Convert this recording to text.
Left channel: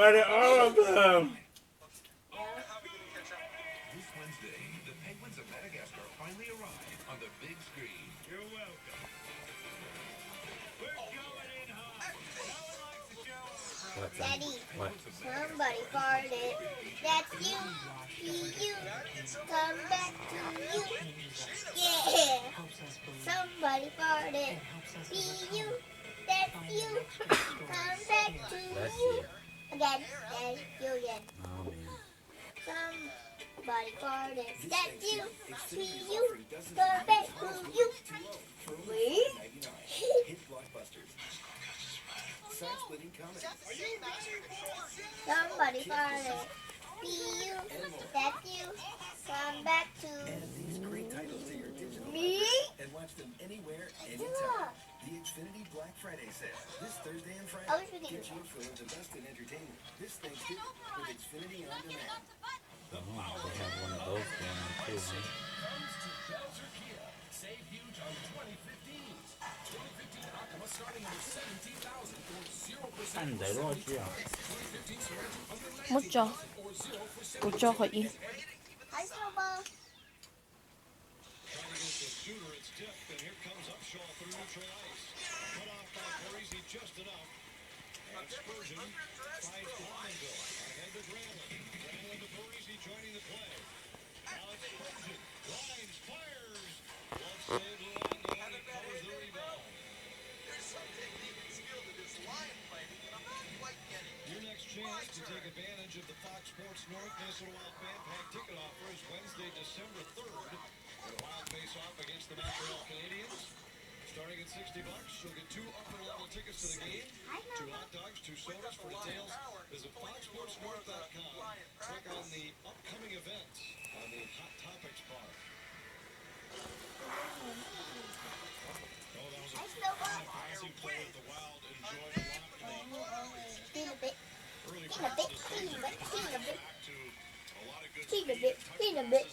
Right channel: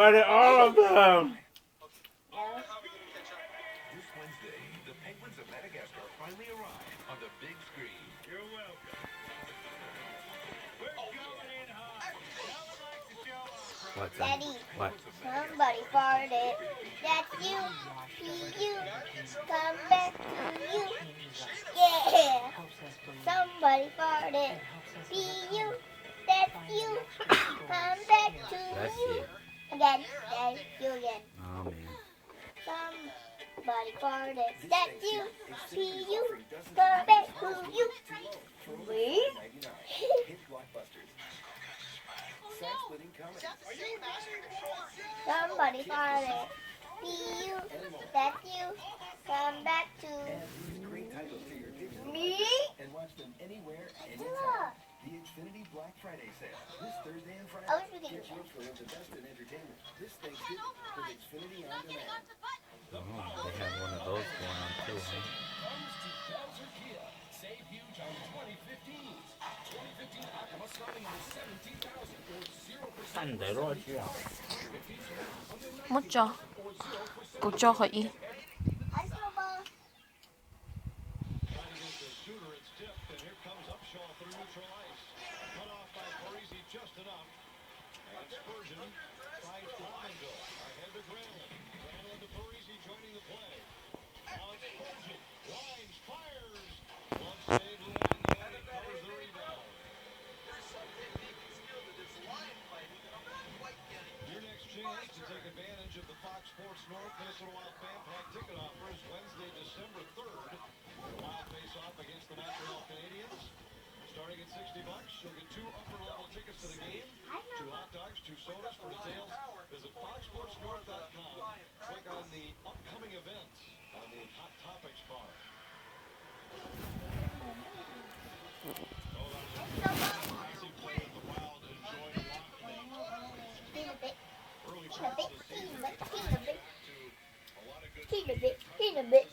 Find all of them. This Wednesday, the Penguins of Madagascar finally arrive on the big screen. You're welcome. We're going in hot. No one likes to show up. What's Daddy, What? somebody farted. That's you. Be you. Come back to you. Yeah. Somebody farted. Be you. That's you. Come back to That's you. you. Again. That's you again. Oh man. Somebody farted. That's you. Be you. Come back to you. Me? Hit blockbusters. Side splitting comedy. Somebody farted. Be you. That's you. Come back to Add these great titles to your digital me. and watch them anywhere, anytime. Look. The Xfinity Black Friday sale this Thursday and Friday. I wish we could Get do you full of the best in entertainment this Thanksgiving with Xfinity On Demand. Oh, they have one of those going on too, huh? Save huge on 2015s. 2015 Aqua starting at 17,000 or 0%. 看得落去啊。 못 줘. 못 줘, 거의. I still ball. Against the shooter, it's tipped, and here comes Upshaw through neutral ice. Cut off by Parisi just enough. And Spurgeon finds Rondo. Ahead to Granlund. Granlund to Parisi joining the play. On Spurgeon. Lines, fires. Glove save, Luango. He covers the rebound. There's some technique and skill to this line fighting that I'm not quite getting. Your next chance to take advantage of the Fox Sports North Minnesota Wild fan pack ticket offers Wednesday, December 3rd. The Wild face off against the Montreal Canadiens. Starting at $60, you'll get 2 upper-level tickets to the game, 2 hot dogs, 2 sodas. For details, visit foxsportsnorth.com. Click on the upcoming events on the Hot Topics bar. Oh, that was a classic play with the Wild enjoying the lock. Steal a bit. Early Steal a bit. tries to Steal a bit. Steal a bit. to a lot of good Steal a bit. Steal a bit.